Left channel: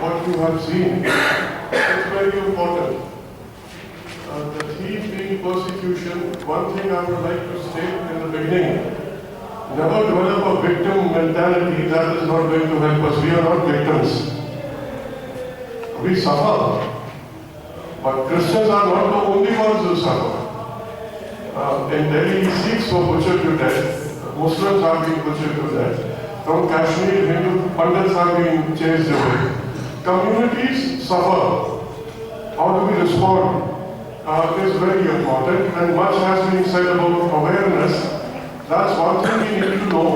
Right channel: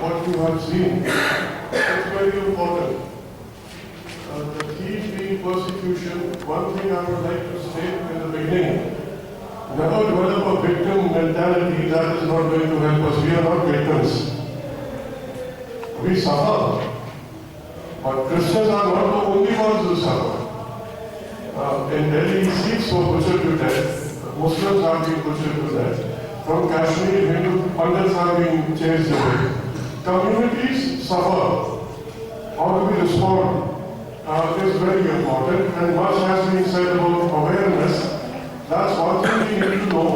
what you have seen. It's very important. The thief being persecution, one thing I would like to state in the beginning. Never develop a victim mentality. That is not going to help us. We are not victims. We suffer. But Christians are not the only ones who suffer. In Delhi, Sikhs were butchered to death. Muslims are being butchered to death. From Kashmir, Hindu Pandits are being chased away. Communities suffer. How do we respond? Is very important, and much has been said about awareness. That's one thing we need to know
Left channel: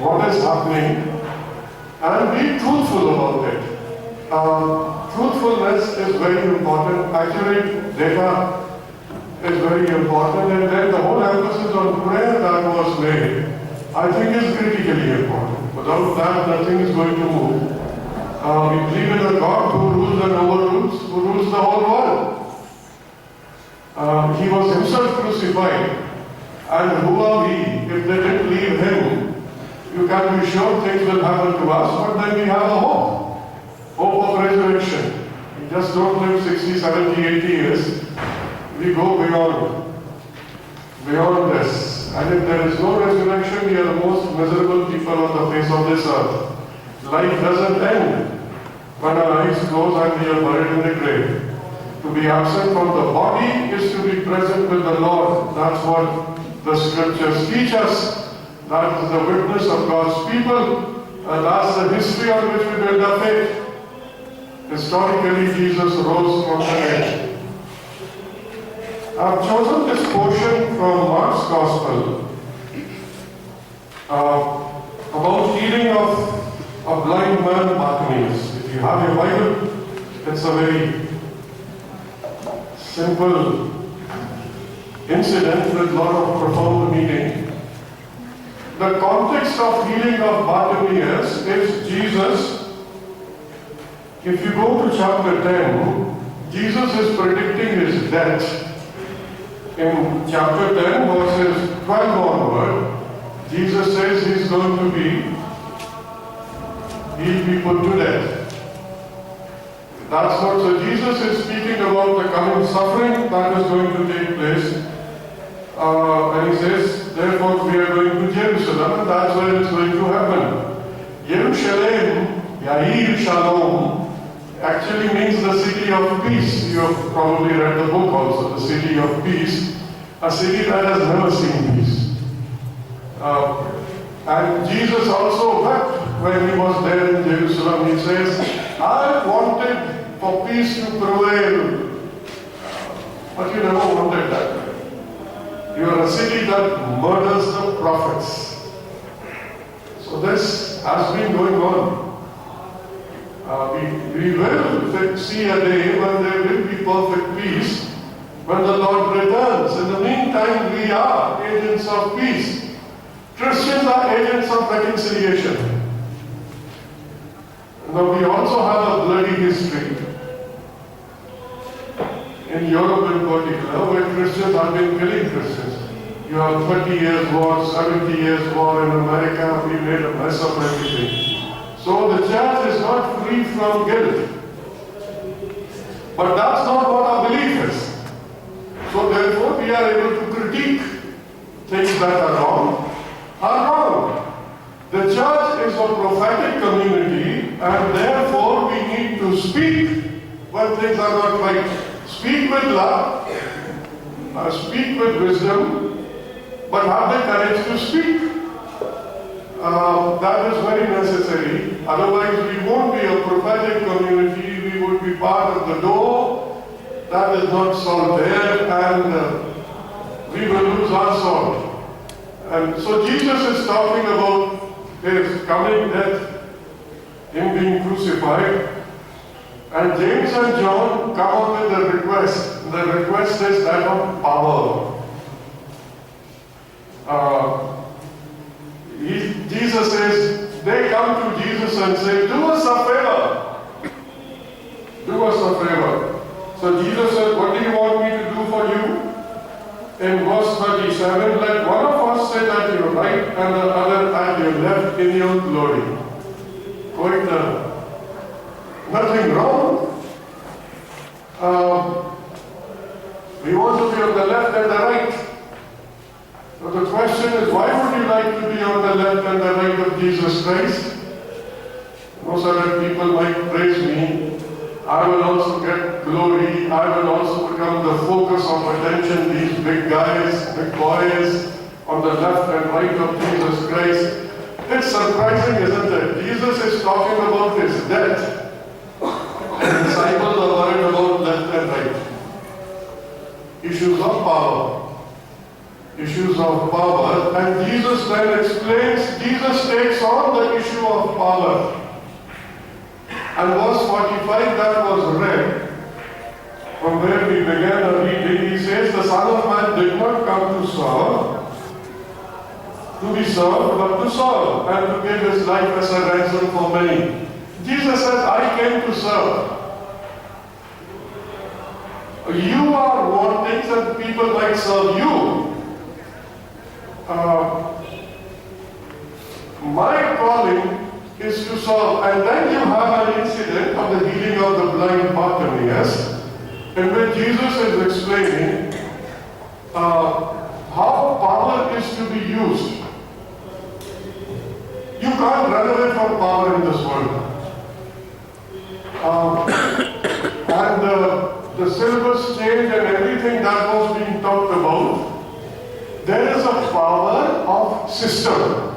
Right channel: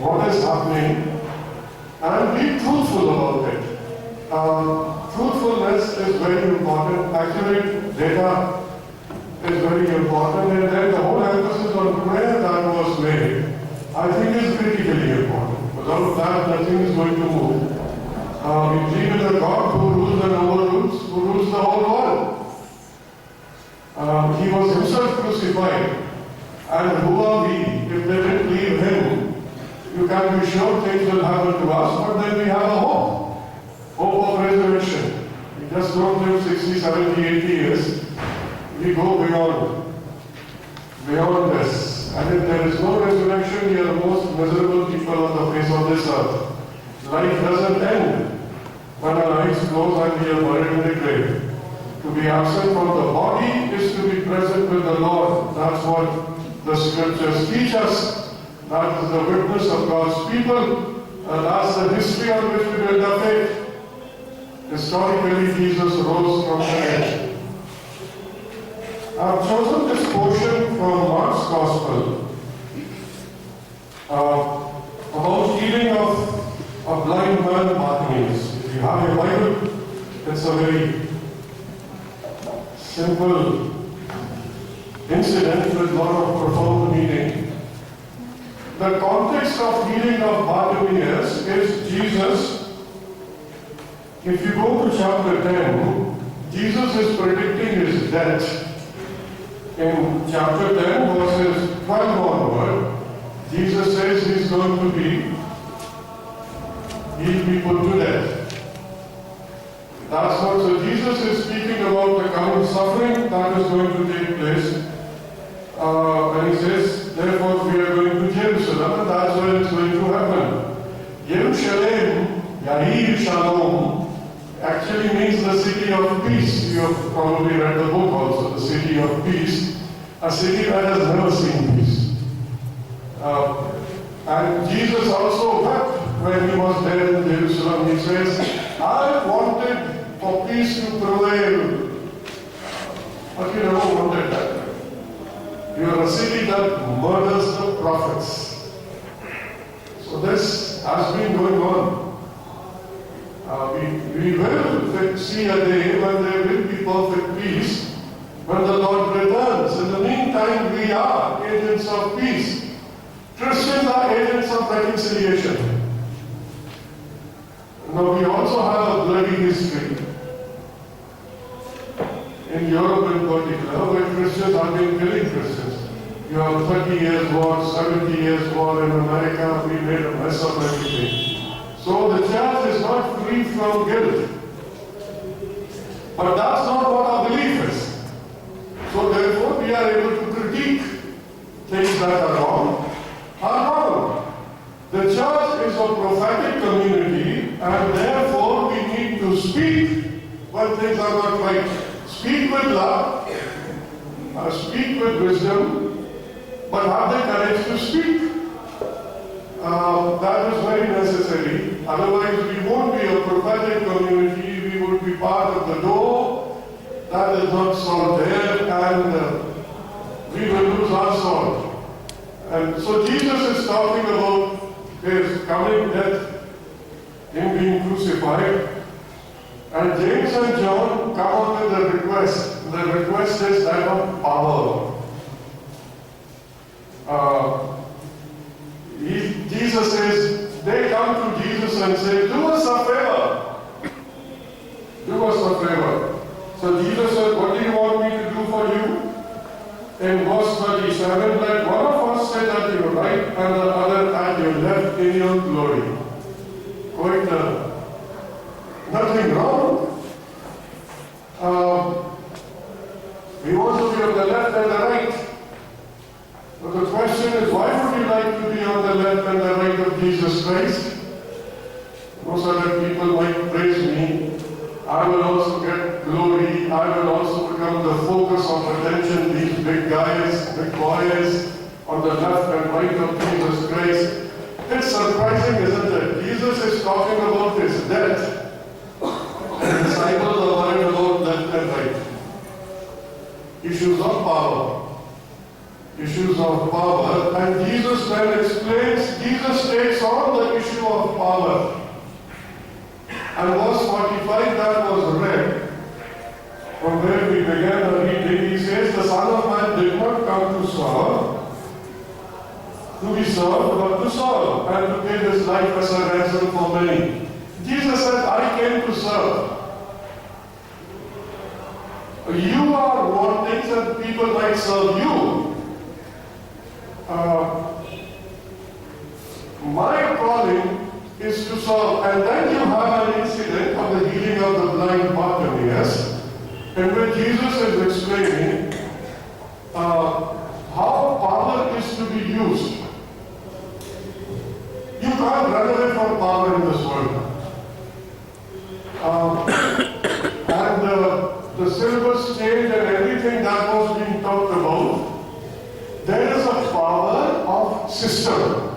what is happening and be truthful about it. Truthfulness is very important. Accurate data is very important, and then the whole emphasis on prayer that was made, I think, is critically important. Without that, nothing is going to move. We believe in a God who rules and overrules, who rules the whole world. He was himself crucified. And who are we if they didn't leave him? You can be sure things will happen to us, but then we have a hope. Hope of resurrection. We just don't live 60, 70, 80 years. We go beyond this. And if there is no resurrection, we are the most miserable people on the face of this earth. Life doesn't end when our eyes close and we are buried in the grave. To be absent from the body is to be present with the Lord. That's what the scriptures teach us. That is the witness of God's people. And that's the history on which we build our faith. Historically, Jesus rose from the dead. I've chosen this portion from Mark's Gospel about healing of a blind man, Bartimaeus. If you have your Bible, it's a very simple incident with a lot of profound meaning. The context of healing of Bartimaeus is Jesus. If you go to chapter 10, Jesus is predicting his death. In chapter 10, verses 12 onward, Jesus says he's going to be put to death. That's what, so Jesus is speaking about the coming suffering that is going to take place. And he says, therefore we are going to Jerusalem, and that's where it's going to happen. Jerusalem, Yahir Shalom, actually means the city of peace. You have probably read the book also, the city of peace. A city that has never seen peace. And Jesus also wept when he was there in Jerusalem. He says, I wanted for peace to prevail. But you never wanted that. You are a city that murders the prophets. So this has been going on. We will see a day when there will be perfect peace, when the Lord returns. In the meantime, we are agents of peace. Christians are agents of reconciliation. Now we also have a bloody history. In Europe in particular, where Christians have been killing Christians. You have 30 years war, 70 years war in America. We made a mess of everything. So the church is not free from guilt. But that's not what our belief is. So therefore we are able to critique things that are wrong. The church is a prophetic community, and therefore we need to speak when things are not right. Speak with love, speak with wisdom, but have the courage to speak. That is very necessary. Otherwise, we won't be a prophetic community. We would be part of the door that is not salt there, and we will lose our salt. And so Jesus is talking about his coming death, him being crucified. And James and John come up with a request. The request is that of power. Jesus says, they come to Jesus and say, do us a favor. Do us a favor. So Jesus said, what do you want me to do for you? In verse 37, let one of us sit at your right and the other at your left in your glory. Quite nothing Christ. No, so that people might praise me. I will also get glory. I will also become the focus of attention. These big guys, big boys on the left and right of Jesus Christ. It's surprising, isn't it? Jesus is talking about his death. And disciples are worried about left and right. Issues of power. Issues of power. And Jesus then explains, Jesus takes on the issue of power. And verse 45 that was read, from where we began our reading, he says, the Son of Man did not come to serve, to be served, but to serve, and to give his life as a ransom for many. Jesus said, I came to serve. You are wanting that people might serve you. My calling is to serve. And then you have an incident of the healing of the blind Bartimaeus, in which Jesus is explaining how power is to be used. You can't run away from power in this world. And the silver stage and everything that was being talked about, there is a power of system.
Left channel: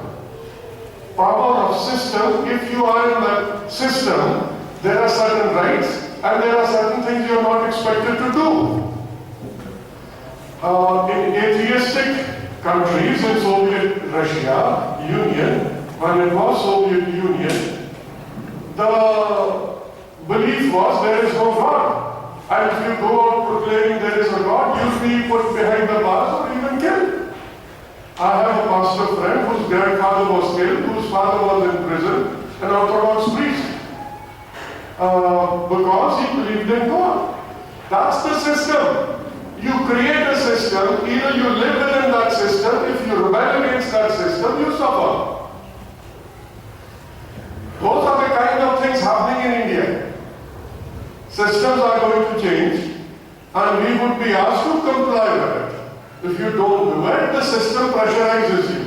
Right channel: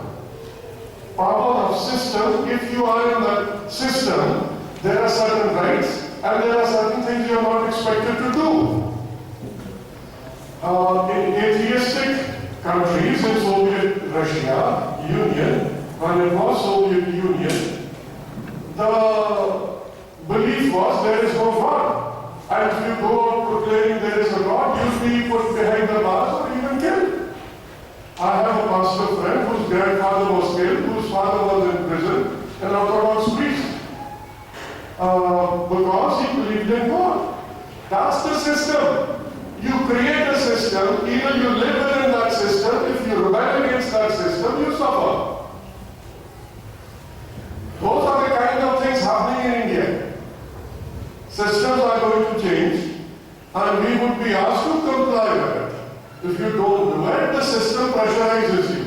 Power of system, if you are in that system, there are certain rights and there are certain things you are not expected to do. In atheistic countries, in Soviet Russia, Union, when it was Soviet Union, the belief was there is no God. And if you go out proclaiming there is a God, you'll be put behind the bars or even killed. I have a pastor friend whose grandfather was killed, whose father was in prison, an Orthodox priest, because he believed in God. That's the system. You create a system, either you live within that system, if you rebel against that system, you suffer. Those are the kind of things happening in India. Systems are going to change, and we would be asked to comply with it. If you don't do it, the system pressurizes you.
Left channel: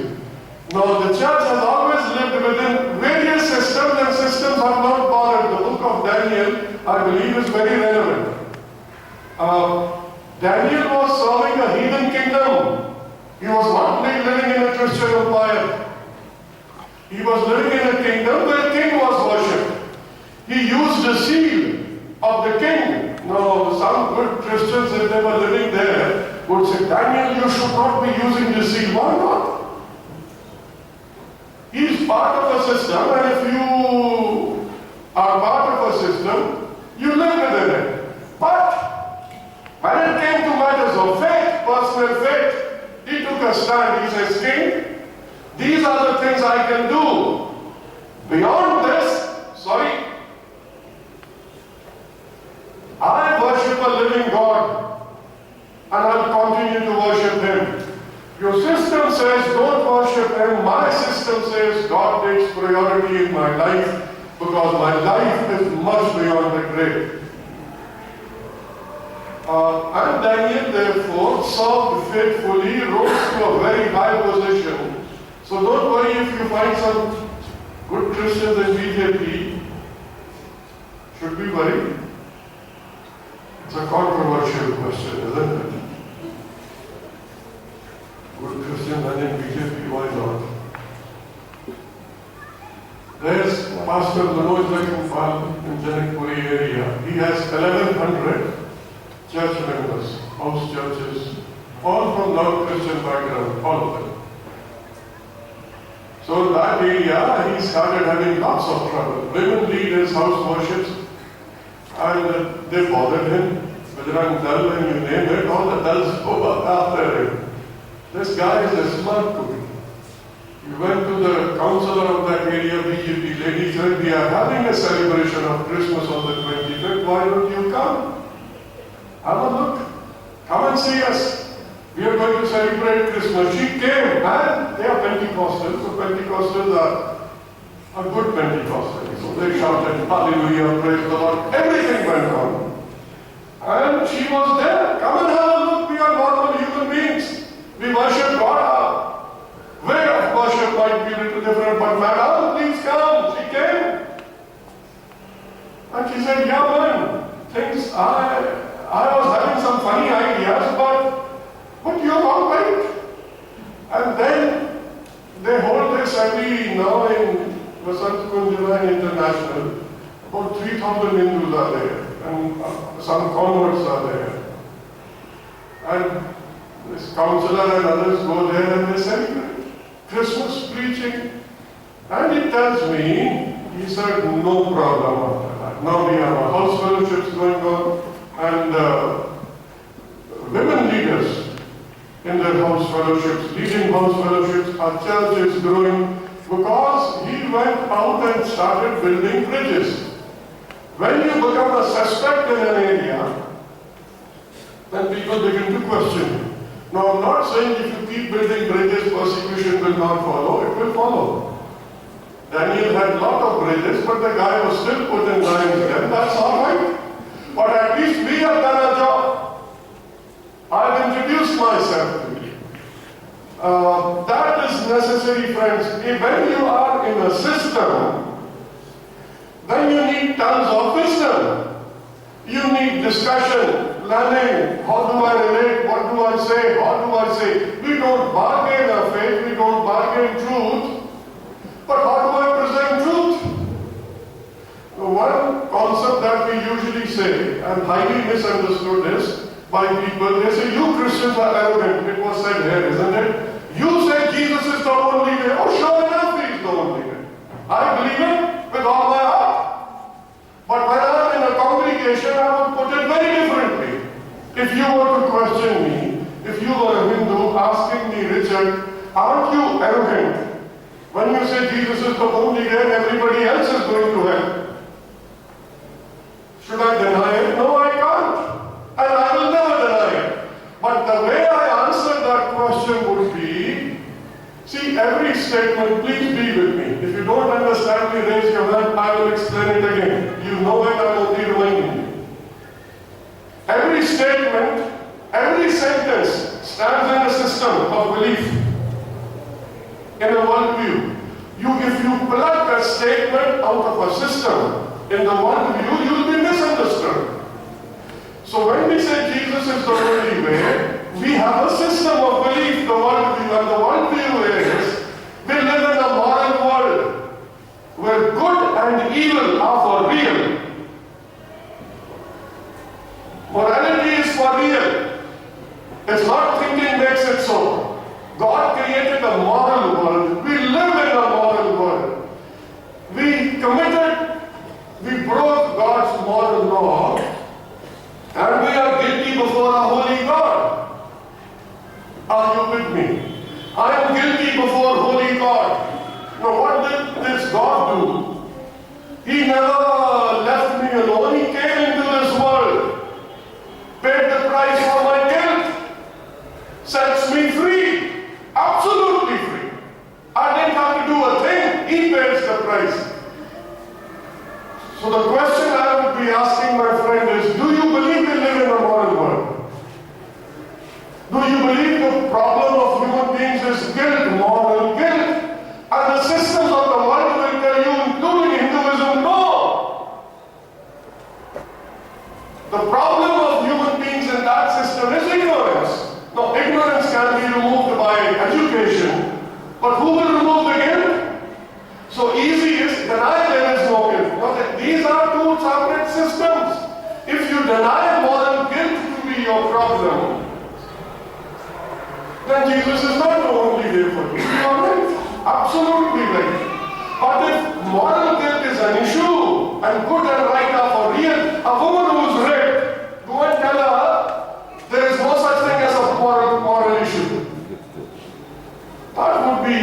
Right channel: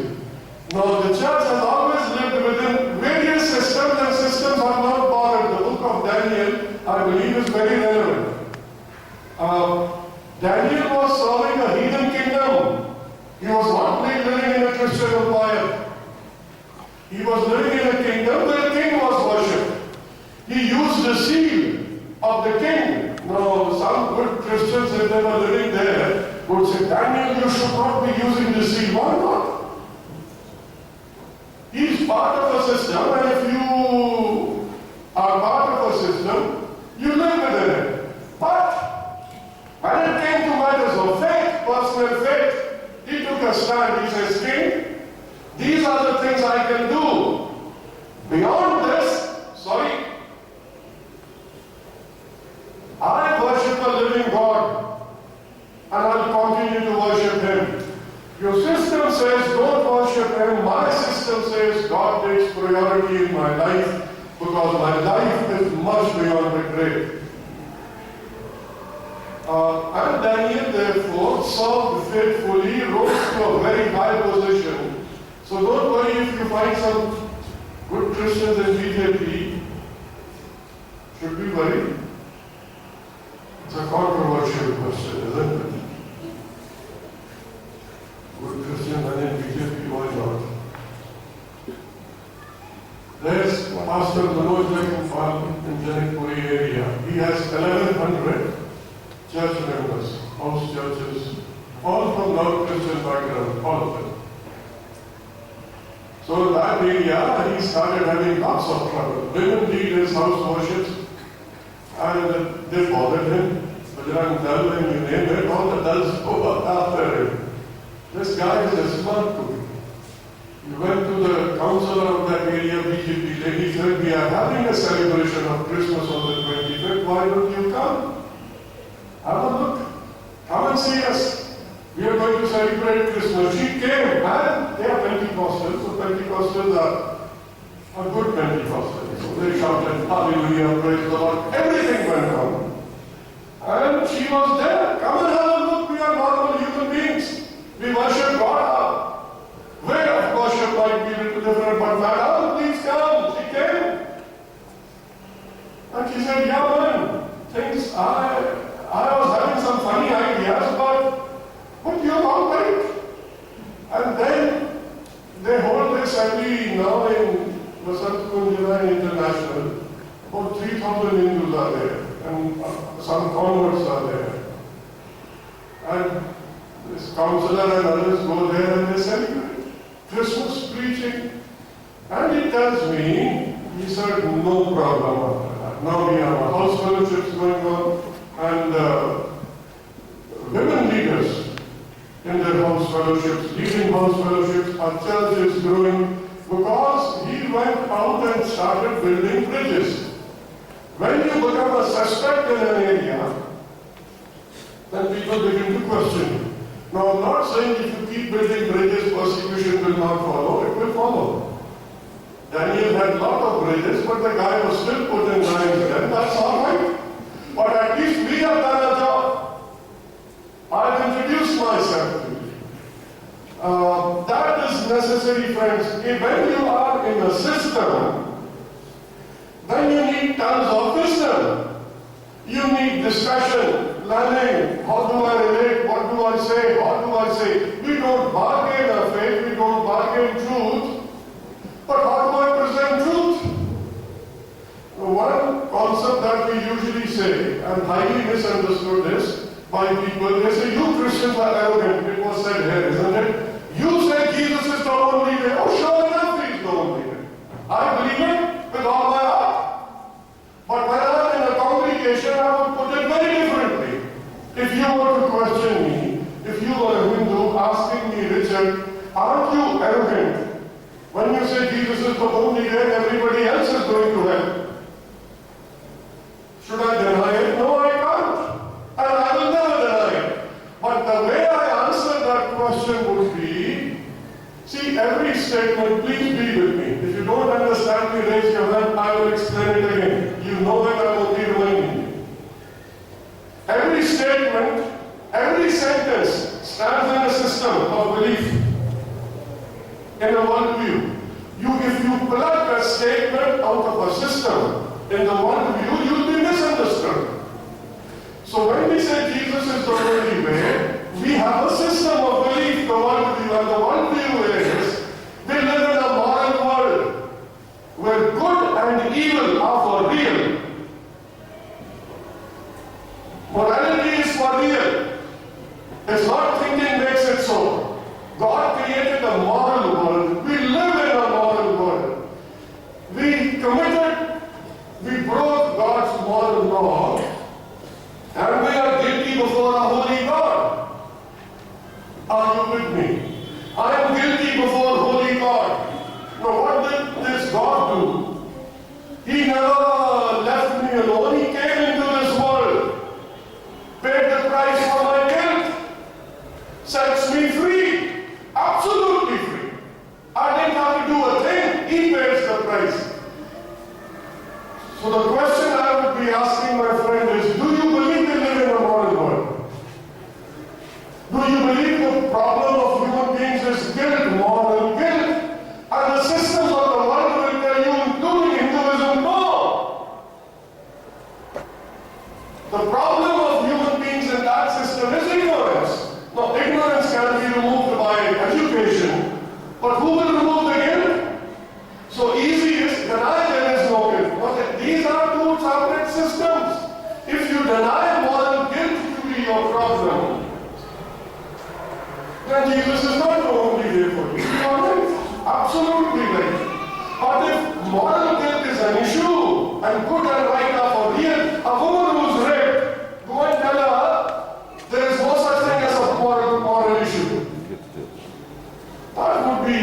Now, the church has always lived within various systems, and systems have not bothered. The book of Daniel, I believe, is very relevant. Daniel was serving a heathen kingdom. He was not living in a Christian empire. He was living in a kingdom where the king was worshipped. He used the seal of the king. Now, some good Christians, if they were living there, would say, Daniel, you should not be using the seal. Why not? He's part of a system, and if you are part of a system, you live within it. But when it came to matters of faith, personal faith, he took a stand. He says, King, these are the things I can do. Beyond this, I worship a living God, and I'll continue to worship Him. Your system says, don't worship Him. My system says, God takes priority in my life, because my life is much beyond the grave. And Daniel, therefore, served faithfully, rose to a very high position. So don't worry if you find some good Christians in BJP. Should be worried. It's a controversial question, isn't it? Good Christians and in BJP, why not? There's Pastor Manoj Lekhampal in Janakpuri area. He has 1,100 church members, house churches, all from non-Christian background, all of them. So in that area, he started having lots of trouble. Women lead his house worships, and they bothered him. Bajrang Dal, and you name it, all the Dals go after him. This guy is a smart cookie. He went to the councillor of that area, BJP lady, said, we are having a celebration of Christmas on the 25th, why don't you come? Have a look. Come and see us. We are going to celebrate Christmas. She came, and they are Pentecostals, so Pentecostals are good Pentecostals. So they shouted, hallelujah, praise the Lord. Everything went on. And she was there. Come and have a look. We are normal human beings. We worship God. Way of worship might be a little different, but man, all needs And she said, yeah man, I was having some funny ideas, but you're all right. And then they hold this every now in Vasant Kunjana International. About 3,000 Hindus are there, and some converts are there. And this counselor and others go there and they celebrate Christmas preaching. And he tells me, he said, no problem after that. Now we have a house fellowships going on, and women leaders in their house fellowships, leading house fellowships, our church is growing because he went out and started building bridges. When you become a suspect in an area, then people begin to question you. Now I'm not saying if you keep building bridges, persecution will not follow, it will follow. Daniel had a lot of bridges, but the guy was still put in lion's den, that's alright. But at least we have done a job. I've introduced myself to you. That is necessary, friends. When you are in a system, then you need tons of wisdom. You need discussion, planning. How do I relate? What do I say? How do I say? We don't bargain our faith, we don't bargain truth. But how do I present truth? The one concept that we usually say, and highly misunderstood is, by people, they say, you Christians are arrogant. It was said here, isn't it? You say Jesus is the only way. Oh, sure enough, he is the only way. I believe it with all my heart. But when I am in a congregation, I would put it very differently. If you were to question me, if you were a Hindu asking me, Richard, aren't you arrogant? When you say Jesus is the only way, everybody else is going to hell. Should I deny it? No, I can't. And I will never deny it. But the way I answer that question would be, see, every statement, please be with me. If you don't understand me, raise your hand, I will explain it again. You know it, I will be reminding you. Every statement, every sentence stands in a system of belief, in a worldview. If you plug a statement out of a system in the worldview, you will be misunderstood. So when we say Jesus is the only way, we have a system of belief, the worldview, and the worldview is we live in a moral world where good and evil are for real. Morality is for real. It's not thinking makes it so. God created a moral world. We live in a moral world. We broke God's moral law, and we are guilty before a holy God. Are you with me? I am guilty before holy God. Now what did this God do? He never left me alone. He came into this world, paid the price for my guilt, sets me free, absolutely free. I didn't have to do a thing. He pays the price. So the question I would be asking my friend is, do you believe we live in a moral world? Do you believe the problem of human beings is guilt, moral guilt? And the systems of the world will tell you, including Hinduism, no. The problem of human beings in that system is ignorance. Now, ignorance can be removed by education, but who will remove the guilt? So easy is deny there is no guilt. But these are two separate systems. If you deny moral guilt to be your problem, then Jesus is not the only way for you. You are right. Absolutely right. But if moral guilt is an issue and good and right are for real, a woman who is raped, go and tell her there is no such thing as a moral issue. That would be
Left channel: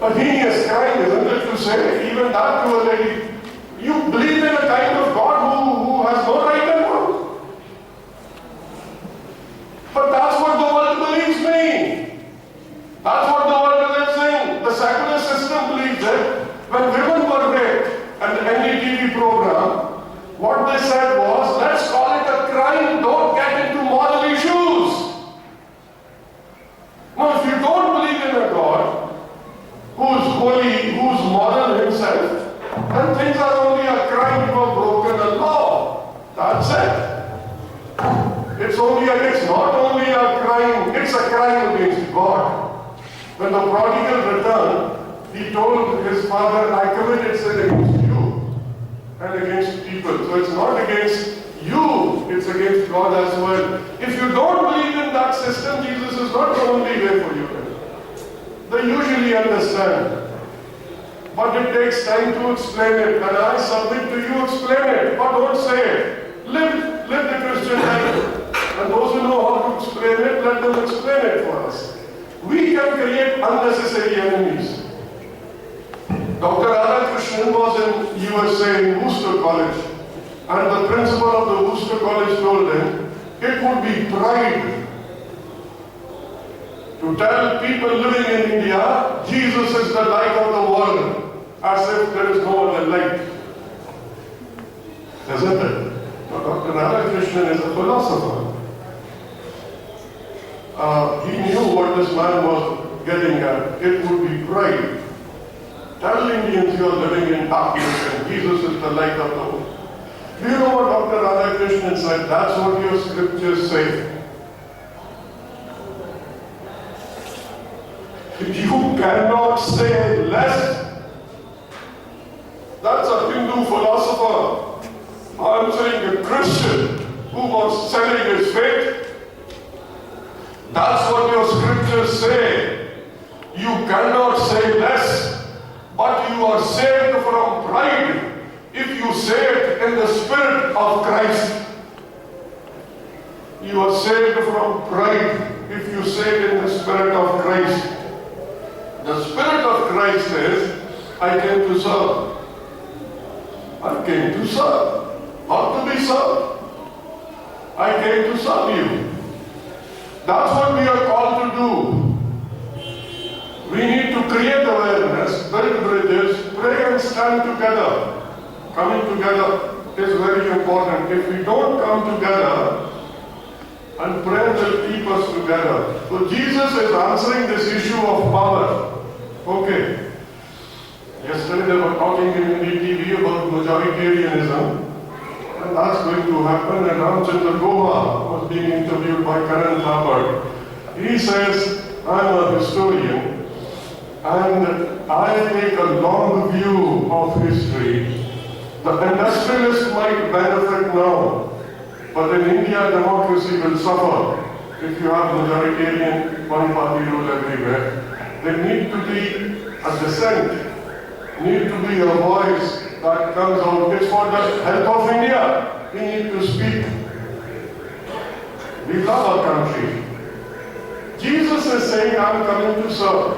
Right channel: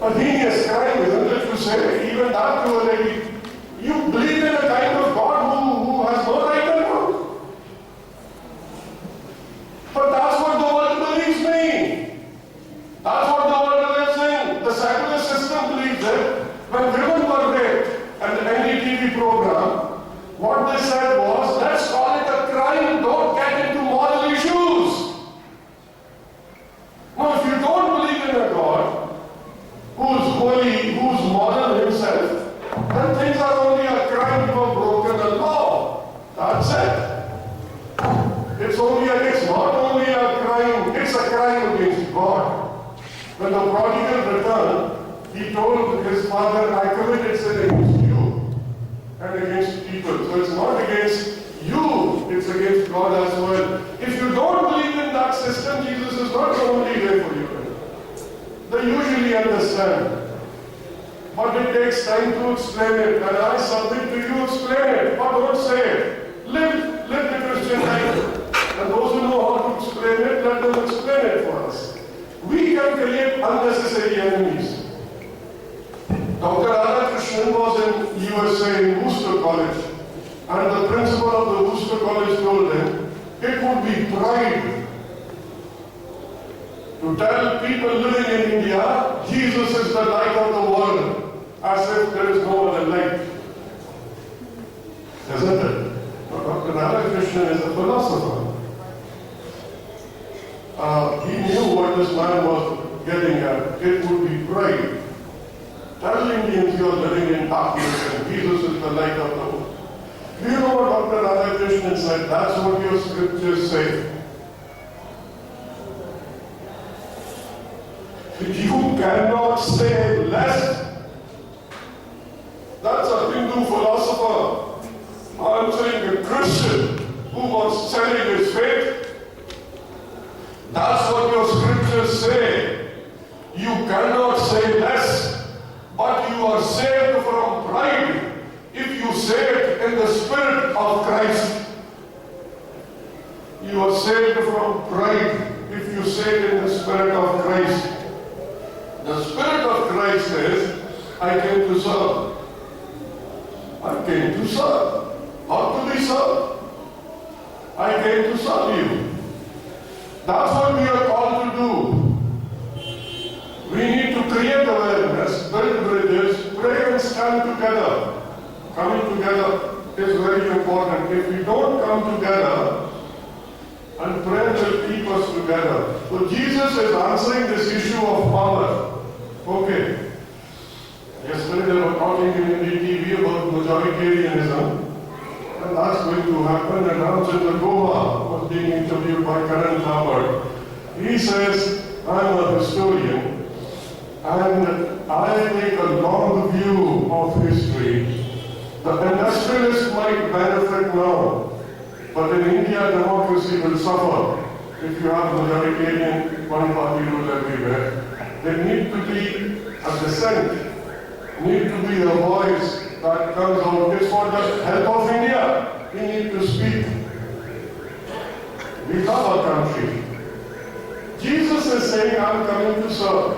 a heinous crime, isn't it, to say even that to a lady? You believe in a kind of God who has no right and wrong. But that's what the world believes me. That's what the world believes in. The secular system believes it. When women were raped and the NDTV program, what they said was, let's call it a crime, don't get into moral issues. Now, if you don't believe in a God who is holy, who is moral himself, then things are only a crime because is not the only way for you. They usually understand. But it takes time to explain it. And I submit to you, explain it. But don't say it. Live the Christian life. And those who know how to explain it, let them explain it for us. We can create unnecessary enemies. Dr. Radhakrishnan was in USA in Worcester College. And the principal of the Worcester College told him, it would be pride to tell people living in India, Jesus is the light of the world, as if there is no other light. Isn't it? But Dr. Radhakrishnan is a philosopher. He knew what this man was getting at. It would be pride. Tell Indians you are living in darkness and Jesus is the light of the world. Do you know what Dr. Radhakrishnan said? That's what your scriptures say. You cannot say less. That's a Hindu philosopher answering a Christian who was selling his faith. That's what your scriptures say. You cannot say less, but you are saved from pride if you say it in the Spirit of Christ. You are saved from pride if you say it in the Spirit of Christ. The Spirit of Christ says, I came to serve. I came to serve, not to be served. I came to serve you. That's what we are called to do. We need to create awareness, build bridges, pray and stand together. Coming together is very important. If we don't come together, and prayer will keep us together. So Jesus is answering this issue of power. Okay. Yesterday they were talking in the TV about majoritarianism. And that's going to happen. And Ramchandra Goa was being interviewed by Karan Thapar. He says, I'm a historian and I take a long view of history. The industrialists might benefit now, but in India democracy will suffer if you have majoritarian one-party rule everywhere. There need to be a dissent, need to be a voice that comes out. It's for the help of India. We need to speak. We love our country. Jesus is saying, I'm coming to serve.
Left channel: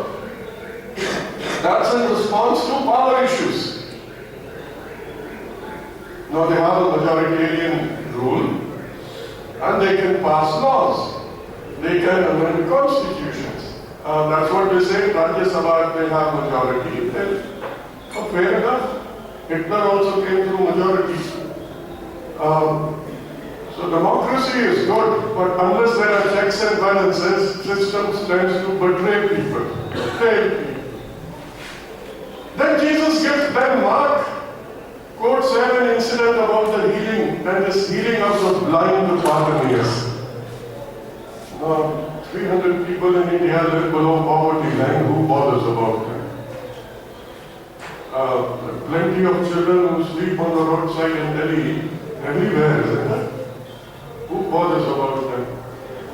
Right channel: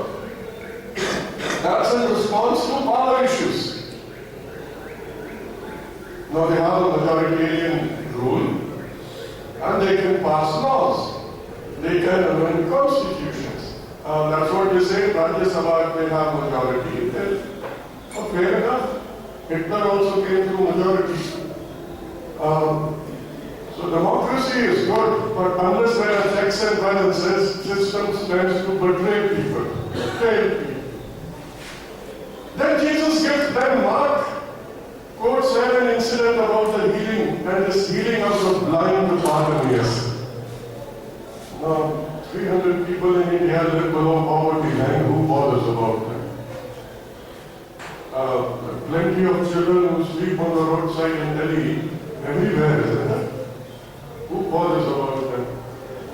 That's in response to power issues. Now they have a majoritarian rule and they can pass laws. They can amend constitutions. That's what they say, Rajya Sabha, they have majority. Fair enough. Hitler also came through majority. So democracy is good, but unless there are checks and balances, systems tends to betray people, fail people. Then Jesus gives them Mark quotes an incident about the healing, and this healing of the blind Bartimaeus. 300 people in India live below poverty line. Who bothers about them? Plenty of children who sleep on the roadside in Delhi, everywhere, isn't it? Who bothers about them?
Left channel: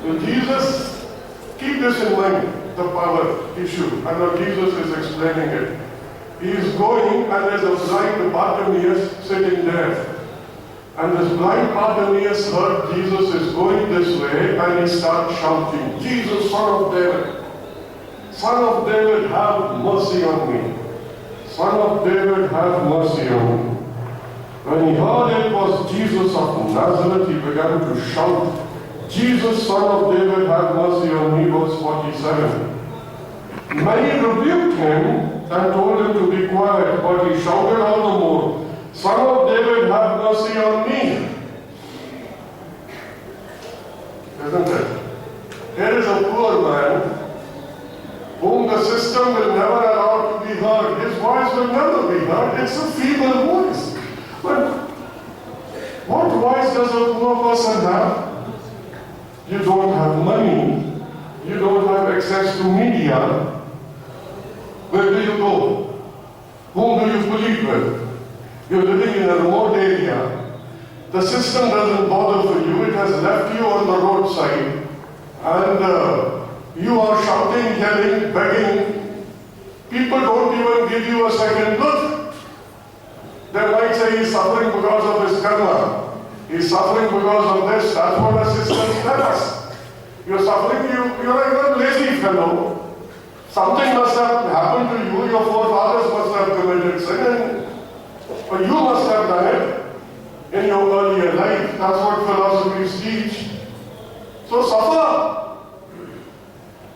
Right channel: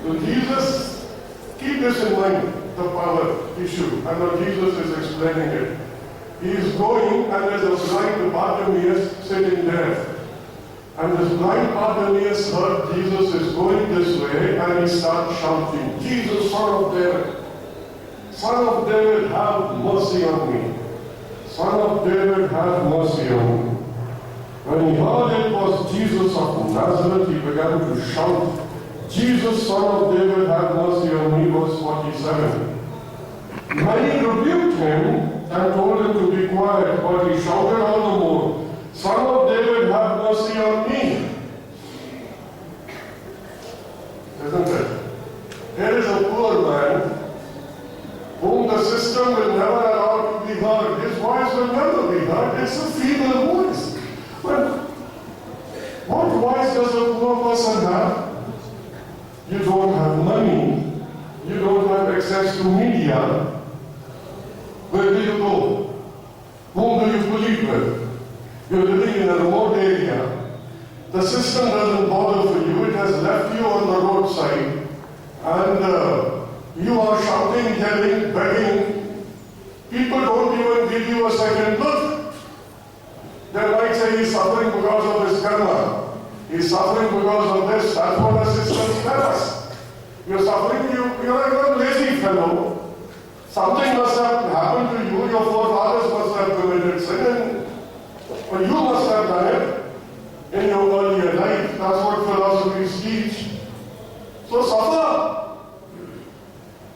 So Jesus, keep this in mind, the power issue. And now Jesus is explaining it. He is going and there's a blind Bartimaeus sitting there. And this blind Bartimaeus heard Jesus is going this way and he starts shouting, Jesus, Son of David, Son of David, have mercy on me. Son of David, have mercy on me. When he heard it was Jesus of Nazareth, he began to shout, Jesus, Son of David, have mercy on me, verse 47. Many rebuked him and told him to be quiet, but he shouted all the more, Son of David, have mercy on me. Isn't it? Here is a poor man whom the system will never allow to be heard. His voice will never be heard. It's a feeble voice. But what voice does a poor person have? You don't have money. You don't have access to media. Where do you go? Whom do you plead with? You're living in a remote area. The system doesn't bother for you. It has left you on the roadside. And You are shouting, yelling, begging. People don't even give you a second look. They might say he's suffering because of his karma. He's suffering because of this. That's what the systems tell us. You're suffering, you're a lazy fellow. Something must have happened to you. Your forefathers must have committed sin. But you must have done it in your earlier life. That's what philosophies teach. So suffer.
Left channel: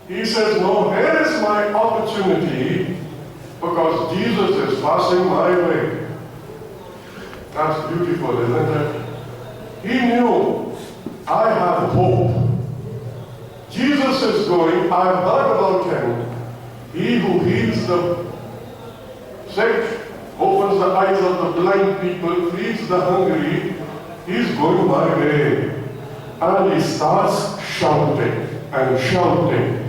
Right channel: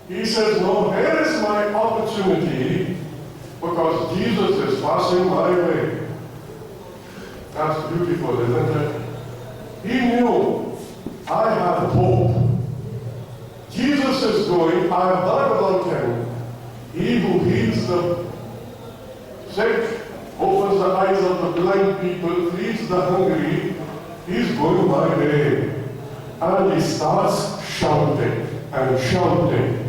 He says, no, here is my opportunity because Jesus is passing my way. That's beautiful, isn't it? He knew, I have hope. Jesus is going, I've heard about him. He who heals the sick, opens the eyes of the blind people, feeds the hungry, he's going my way. And he starts shouting and shouting.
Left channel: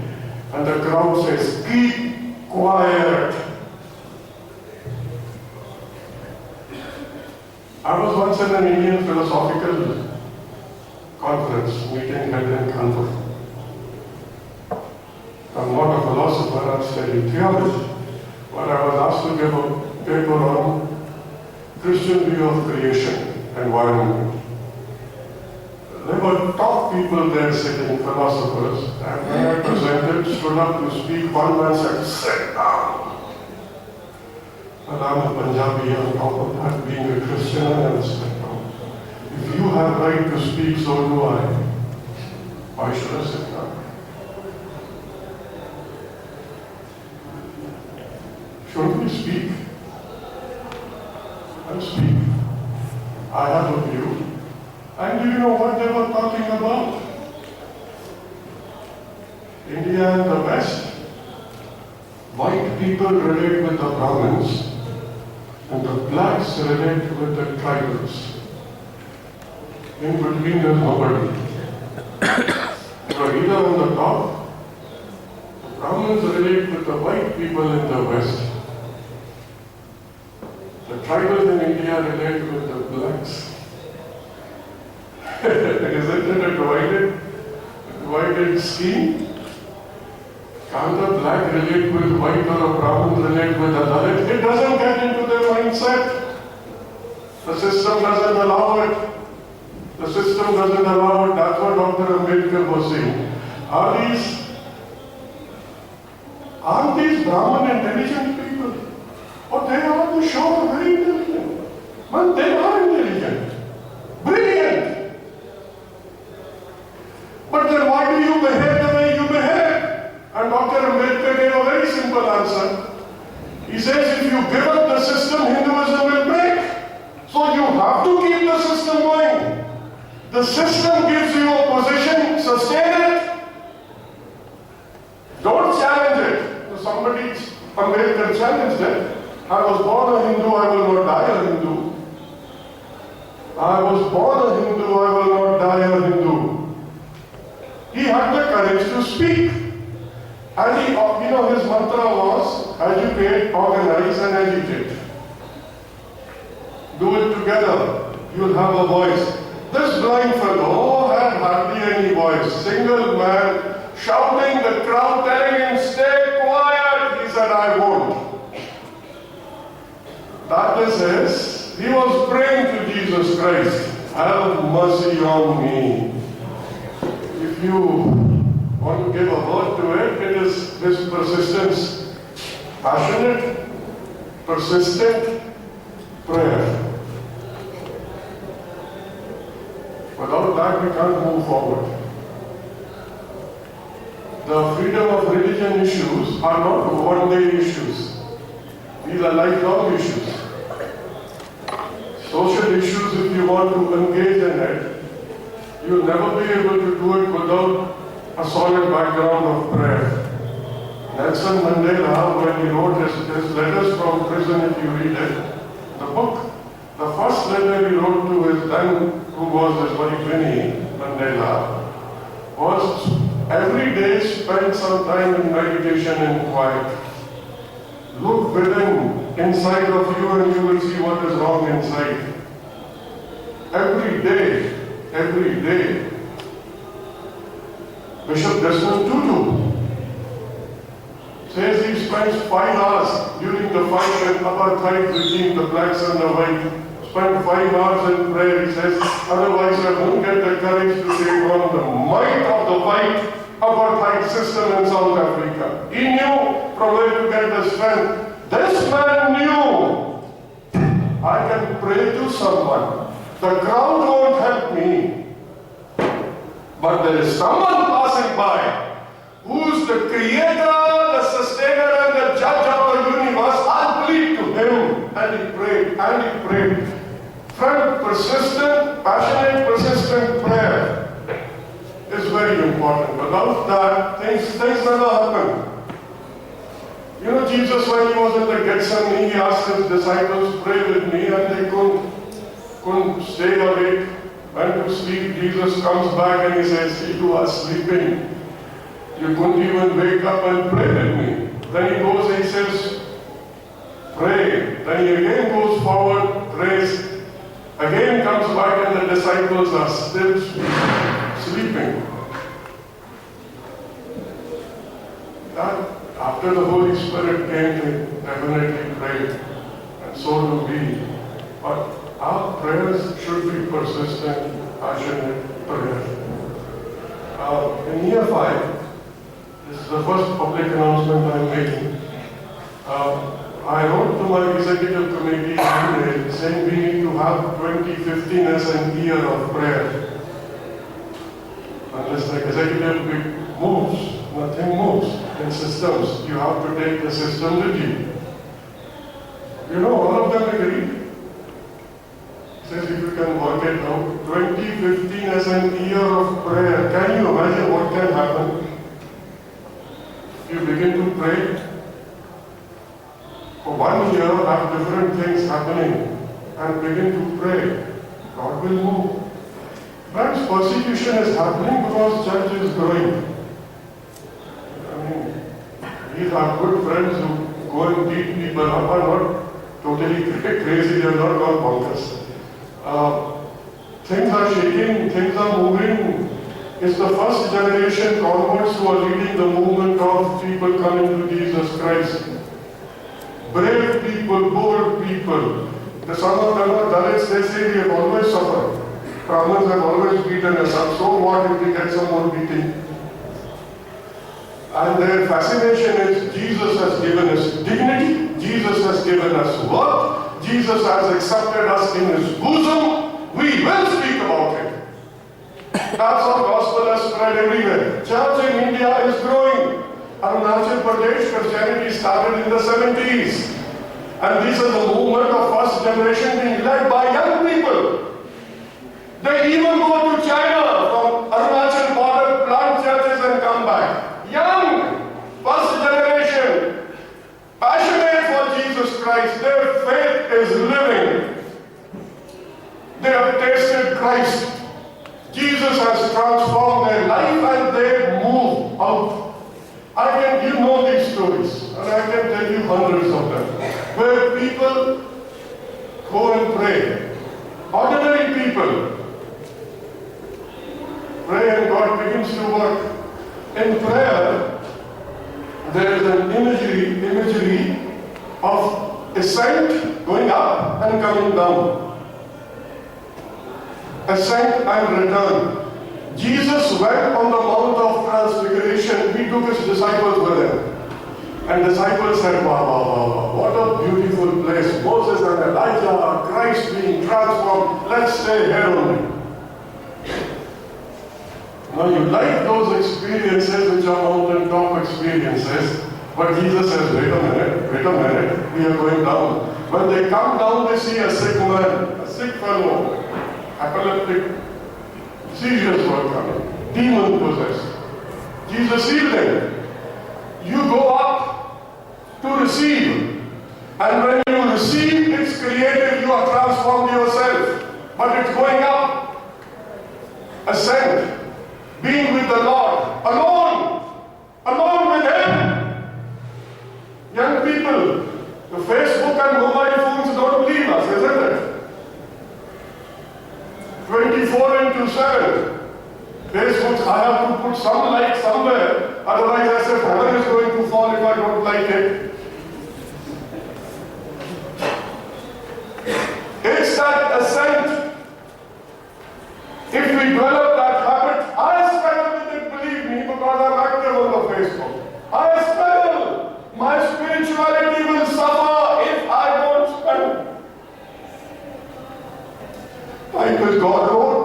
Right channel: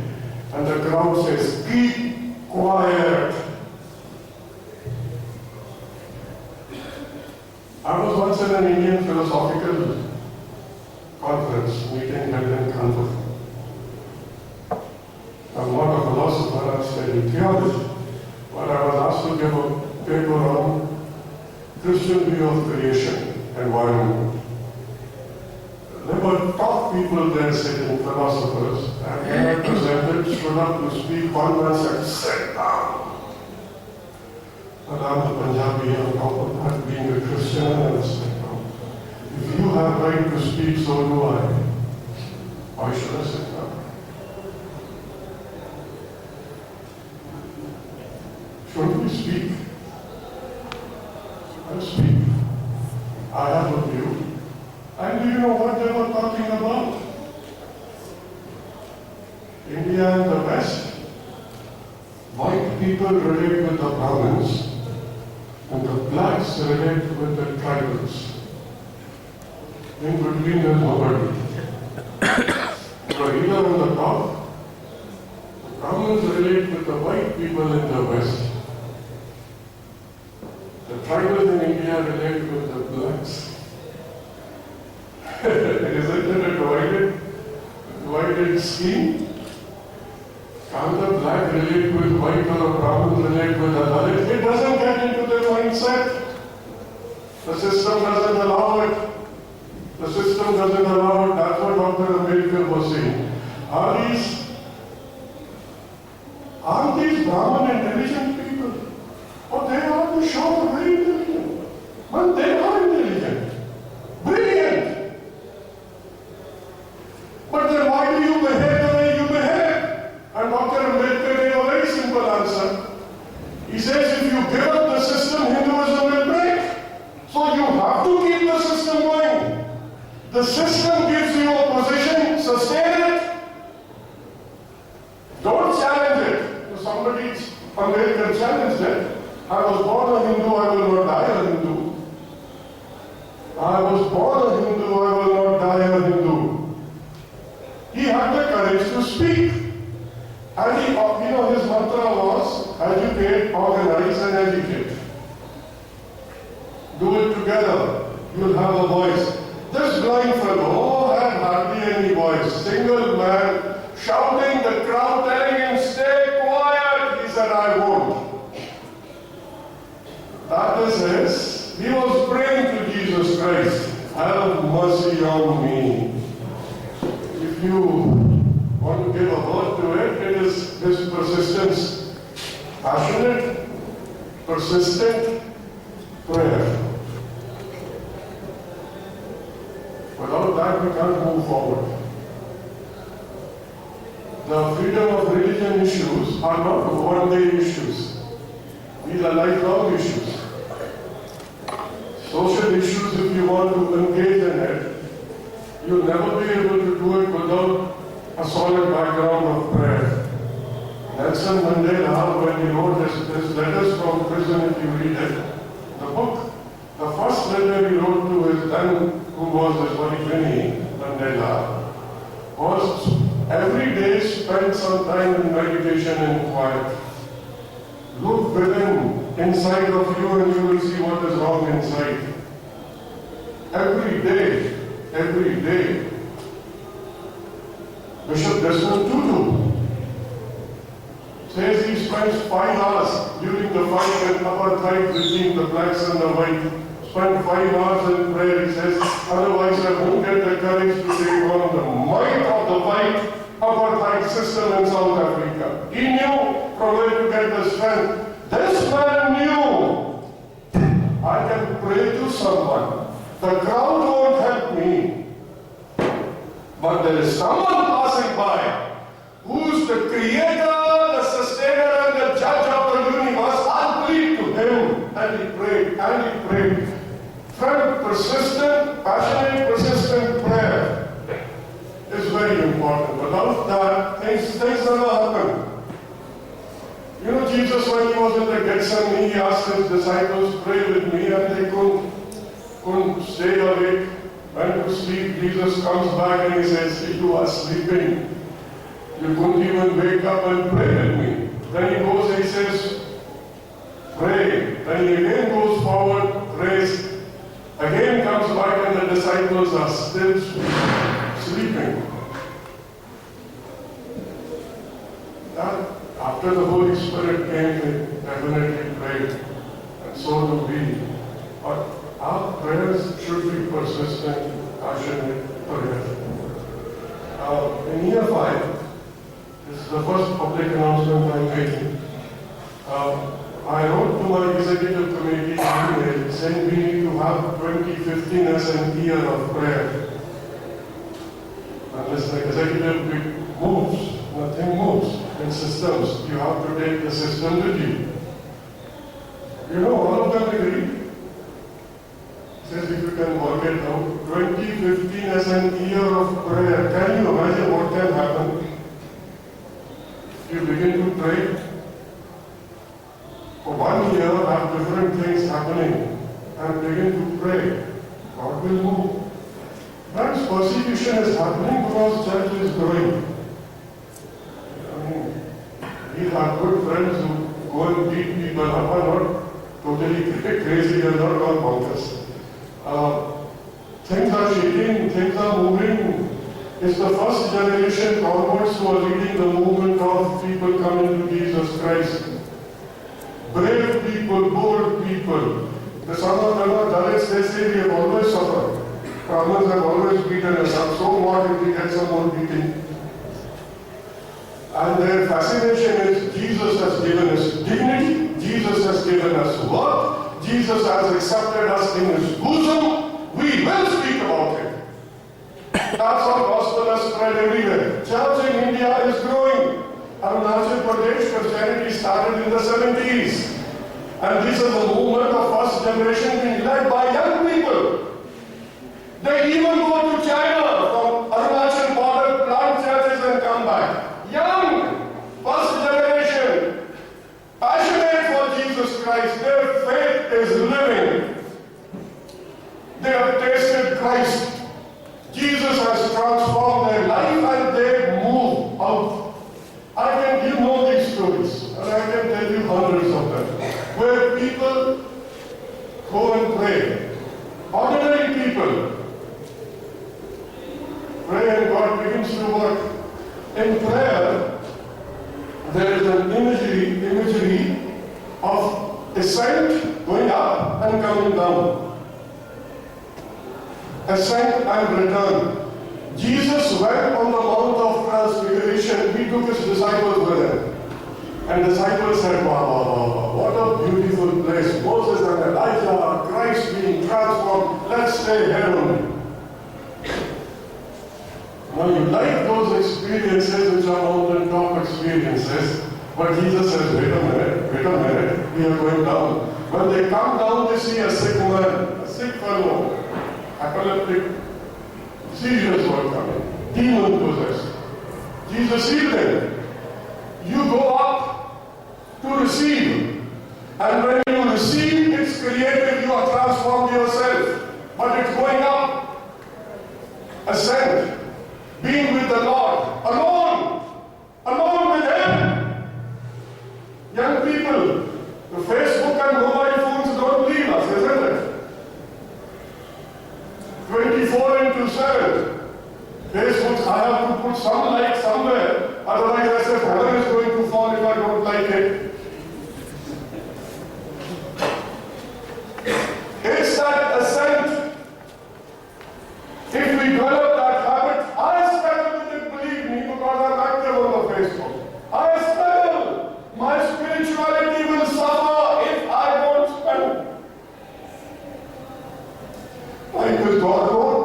And the crowd says, keep quiet. I was once in an Indian philosophical conference meeting held in Kanpur. I'm not a philosopher, I'm studying theology. But I was asked to give a paper on Christian view of creation, environment. There were top people there sitting, philosophers, and when I presented, stood up to speak, one man said, sit down. But I'm a Punjabi, on top of that, being a Christian, I never sit down. If you have right to speak, so do I. Why should I sit down? Shouldn't we speak? I speak. I have a view. And do you know what they were talking about? India and the West. White people relate with the Brahmins, and the blacks relate with the tribals. In between there's nobody. But either on the top, the Brahmins relate with the white people in the West. The tribals in India relate with the blacks. Isn't it a divided scheme? Can't the black relate with white or a Brahmin relate with a Dalit? It doesn't get into their mindset. The system doesn't allow it. The system doesn't allow it. That's what Dr. Ambedkar was saying. Aren't these Brahmin intelligent people? Oh, they are the show very intelligent. But they are intelligent. Brilliant. But then why do you behave the way you behave? And Dr. Ambedkar gave a very simple answer. He says, if you give up the system, Hinduism will break. So you have to keep the system going. The system gives you a position, sustain it. Don't challenge it. Somebody, Ambedkar challenged it. I was born a Hindu, I will not die a Hindu. I was born a Hindu, I will not die a Hindu. He had the courage to speak. And his mantra was, educate, organize and educate. Do it together. You'll have a voice. This blind fellow had hardly any voice. Single man, shouting, the crowd telling him, stay quiet. He said, I won't. That is his. He was praying to Jesus Christ, have mercy on me. If you want to give a word to it, it is his persistence, passionate, persistent prayer. Without that, we can't move forward. The freedom of religion issues are not one-day issues. These are lifelong issues. Social issues, if you want to engage in it, you'll never be able to do it without a solid background of prayer. Nelson Mandela, when he wrote his letters from prison, if you read it, the book, the first letter he wrote to his then, who was his buddy Winnie Mandela, was every day spend some time in meditation and quiet. Look within, inside of you, and you will see what is wrong inside. Every day. Bishop Desmond Tutu spends 5 hours during the fight and apartheid regime, the blacks and the white. Spent 5 hours in prayer, he says, otherwise I won't get the courage to take on the might of the white apartheid system in South Africa. He knew from where to get the strength. This man knew, I can pray to someone. The crowd won't help me. But there is someone passing by who's the creator, the sustainer, and the judge of the universe. I'll plead to him. And he prayed, and he prayed. Friend, persistent, passionate, persistent prayer is very important. Without that, things never happen. You know, Jesus, when he was in the Gethsemane, he asked his disciples, pray with me, and they couldn't stay awake, went to sleep. Jesus comes back and he says, you are sleeping. You couldn't even wake up and pray with me. Then he goes and he says, pray. Then he again goes forward, prays. Again comes back and the disciples are still sleeping. That, after the Holy Spirit came, they definitely prayed. And so do we. But our prayers should be persistent, passionate prayers. In year 5, this is the first public announcement I'm making. I wrote to my executive committee an email saying we need to have 2015 as an year of prayer. Unless the executive moves, nothing moves in systems. You have to take the system with you. You know, all of them agree. Says if you can work it out, 2015 as an year of prayer. Can you imagine what can happen? You begin to pray. For 1 year, have different things happening and begin to pray. God will move. Friends, persecution is happening because church is growing. I mean, these are good friends who go and beat people up are not totally crazy, they are not all bonkers. Things are shaking, things are moving. It's the first generation converts who are leading the movement of people coming to Jesus Christ. Brave people, bold people. Some of them are Dalits, they say we have always suffered. Brahmins have always beaten us up. So what if we get some more beating? And their fascination is Jesus has given us dignity, Jesus has given us worth, Jesus has accepted us in his bosom. We will speak about it. That's how gospel has spread everywhere. Church in India is growing. Arunachal Pradesh Christianity started in the 70s. And this is the movement of first generation being led by young people. They even go to China from Arunachal border, plant churches and come back. Young, first generation, passionate for Jesus Christ. Their faith is living. They have tasted Christ. Jesus has transformed their life and they move out. You know these stories, and I can tell you hundreds of them, where people go and pray. Ordinary people pray and God begins to work. In prayer, there is an imagery of ascent, going up and coming down. Ascent and return. Jesus went on the Mount of Transfiguration. He took his disciples with him. And disciples said, wow, wow, wow, what a beautiful place. Moses and Elijah, Christ being transformed. Let's stay here only. Now you like those experiences which are mountaintop experiences. But Jesus says, wait a minute, we are going down. When they come down, they see a sick man, a sick fellow, epileptic, seizures were coming, demon possessed. Jesus healed them. You go up to receive. And when you receive, it's created, you are transformed yourself. But it's going up. Ascend. Being with the Lord. Alone with Him. Young people, the Facebook and mobile phones don't leave us, isn't it? 24/7. Facebook, I have to put some light somewhere, otherwise I said heaven is going to fall if I don't like it. It's that ascent. If we develop that habit, I struggle with it, believe me, because I'm active on the Facebook. I struggle. My spirituality will suffer if I don't spend. Like with God, Lord.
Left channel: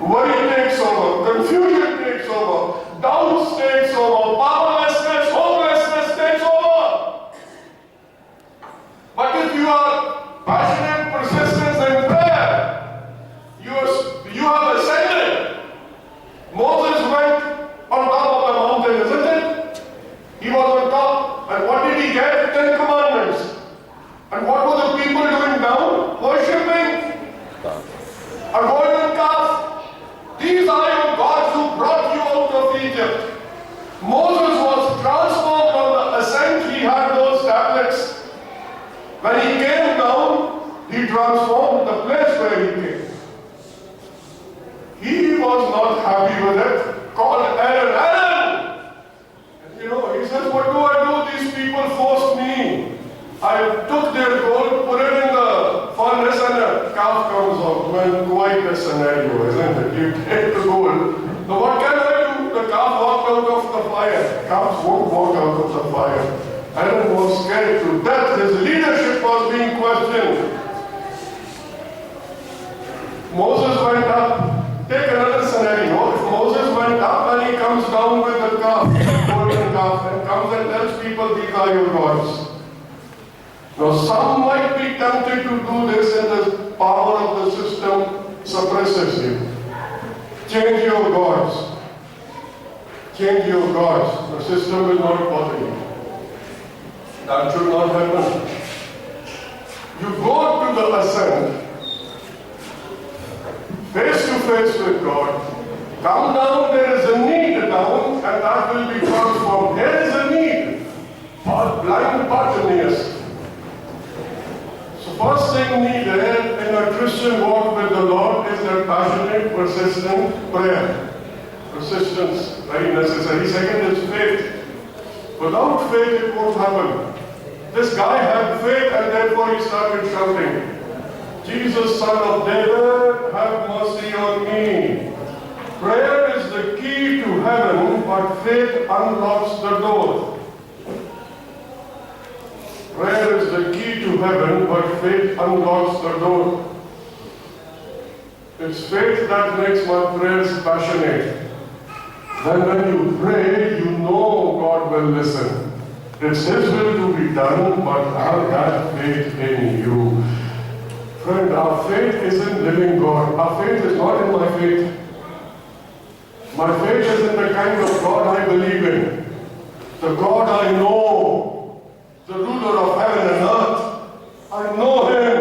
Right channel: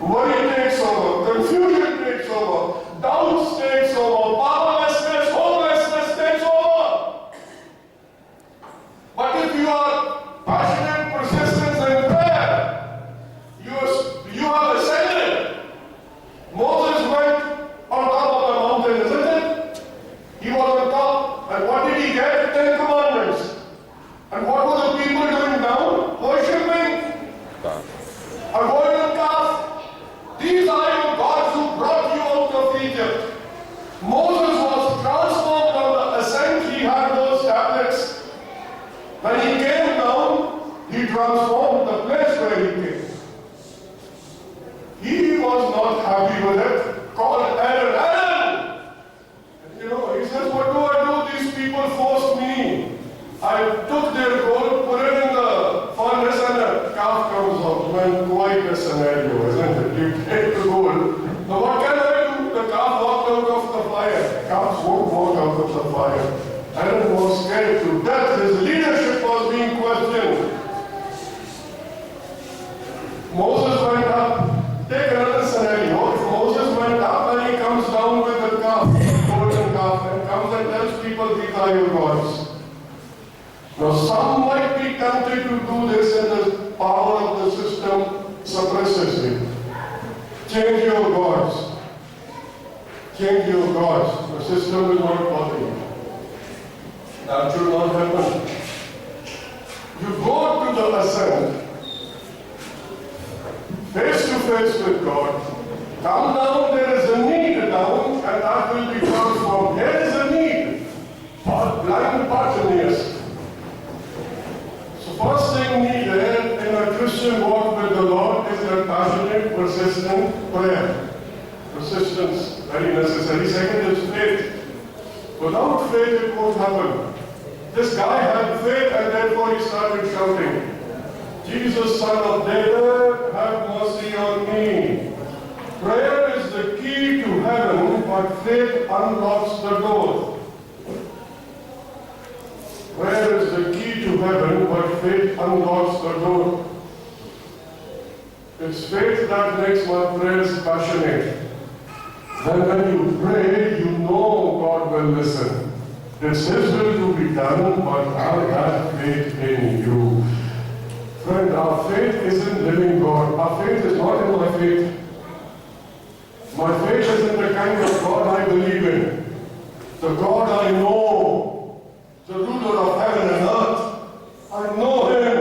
Worry takes over, confusion takes over, doubt takes over, powerlessness, hopelessness takes over. But if you are passionate, persistent in prayer, you have ascended. Moses went on top of the mountain, isn't it? He was on top, and what did he get? 10 commandments. And what were the people doing down? Worshipping a golden calf. These are your gods who brought you out of Egypt. Moses was transformed on the ascent. He had those tablets. When he came down, he transformed the place where he came. He was not happy with it. Called Aaron. And he says, what do I do? These people forced me. I took their gold, put it in the furnace, and a calf comes out. Well, quite a scenario, isn't it? You take the gold. Now what can I do? The calf walked out of the fire. Calves won't walk out of the fire. Aaron was scared to death. His leadership was being questioned. Moses went up. Take another scenario. If Moses went up and he comes down with the calf, golden calf, and comes and tells people, these are your gods. Now, some might be tempted to do this, and the power of the system suppresses it. Change your gods. Change your gods. The system will not bother you. That should not happen. You go to the ascent, face to face with God. Come down, there is a need down, and that will be transformed. There is a need for blind Bartimaeus. First thing needed in a Christian walk with the Lord is a passionate, persistent prayer. Persistence, very necessary. Second is faith. Without faith, it won't happen. This guy had faith and therefore he started shouting, Jesus, Son of David, have mercy on me. Prayer is the key to heaven, but faith unlocks the door. Prayer is the key to heaven, but faith unlocks the door. It's faith that makes my prayers passionate. Then when you pray, you know God will listen. It's His will to be done, but I have faith in you. Friend, our faith isn't living God. Our faith is not in my faith. My faith is in the kind of God I believe in. The God I know. The ruler of heaven and earth. I know Him.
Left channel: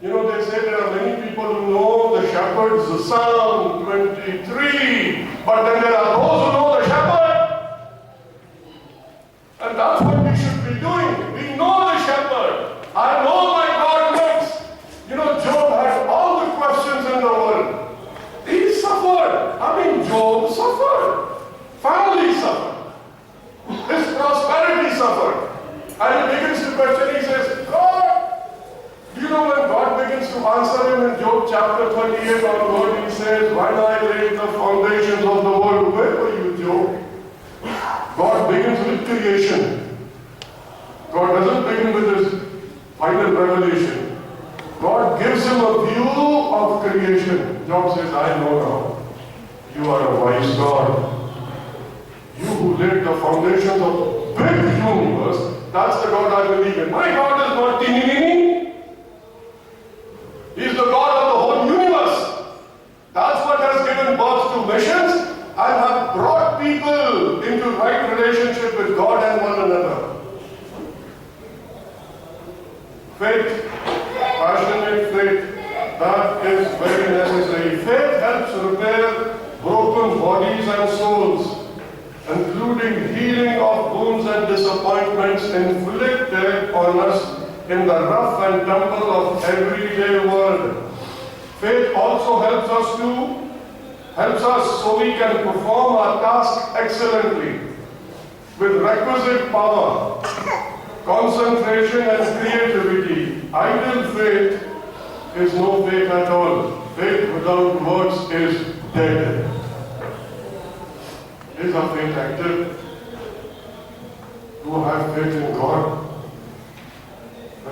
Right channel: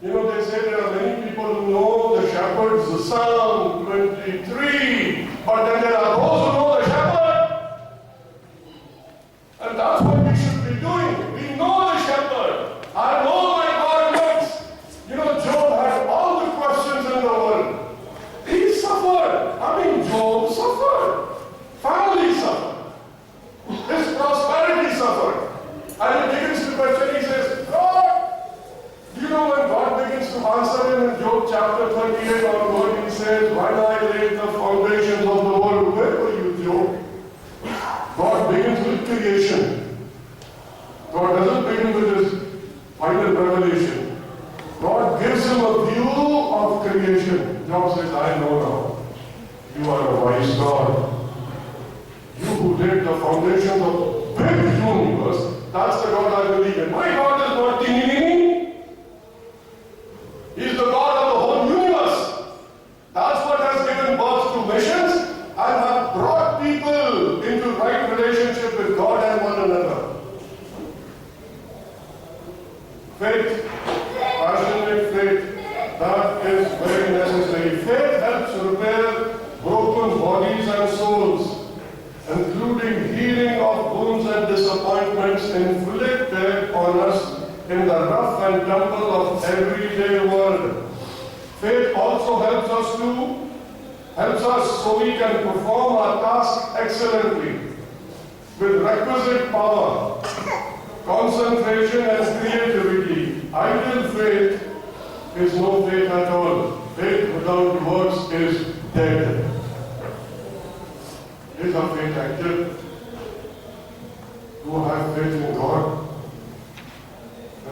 They say there are many people who know the shepherds, the Psalm 23, but then there are those who know the shepherd. And that's what we should be doing. We know the shepherd. I know my God lives. Job had all the questions in the world. He suffered. Job suffered. Family suffered. His prosperity suffered. And he begins to question, he says, God! When God begins to answer him in Job chapter 28 onward, he says, when I laid the foundations of the world, where were you, Job? God begins with creation. God doesn't begin with his final revelation. God gives him a view of creation. Job says, I know now. You are a wise God. You who laid the foundations of the big universe, that's the God I believe in. My God is not teeny. He's the God of the whole universe. That's what has given birth to missions and have brought people into right relationship with God and one another. Faith, passionate faith, that is very necessary. Faith helps repair broken bodies and souls, including healing of wounds and disappointments inflicted on us in the rough and tumble of everyday world. Faith also helps us so we can perform our task excellently with requisite power, concentration and creativity. idle faith is no faith at all. Faith without works is dead. Is our faith active? Do have faith in God?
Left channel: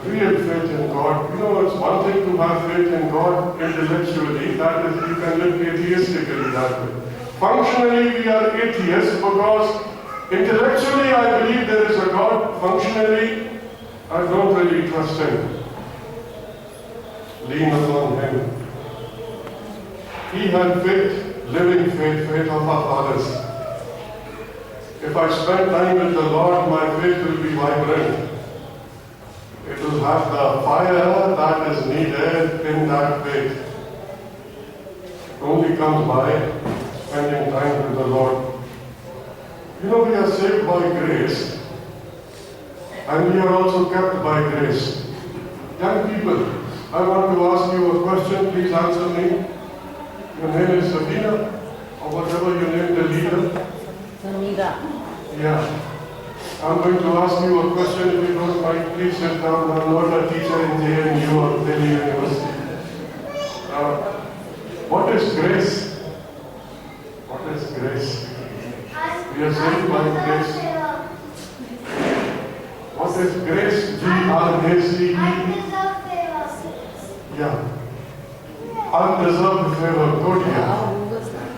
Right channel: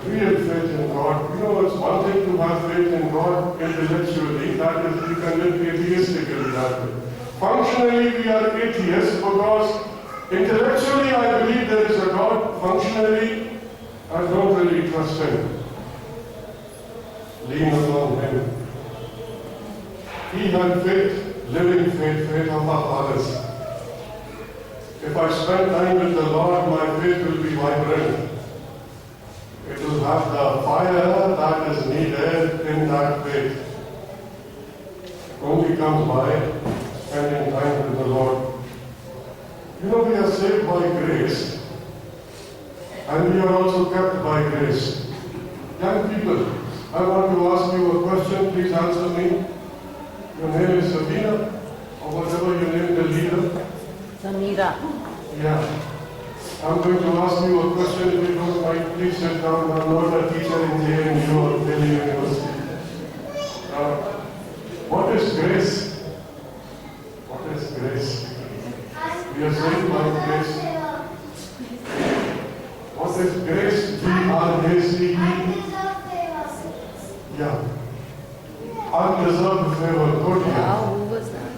Real faith in God. You know, it's one thing to have faith in God intellectually, that is, you can live atheistically that way. Functionally, we are atheists because intellectually I believe there is a God. Functionally, I don't really trust Him. Lean upon Him. He had faith, living faith, faith of our fathers. If I spend time with the Lord, my faith will be vibrant. It will have the fire that is needed in that faith. It only comes by spending time with the Lord. You know, we are saved by grace, and we are also kept by grace. Young people, I want to ask you a question. Please answer me. Your name is Sabina, or whatever you name the leader. Samira. Yeah. I'm going to ask you a question. If you don't mind, please sit down. I'm not a teacher in JNU or Delhi University. What is grace? What is grace? We are saved by grace. What is grace? G-R-A-C-E. Yeah. Undeserved favor. Good, yeah. Who was that?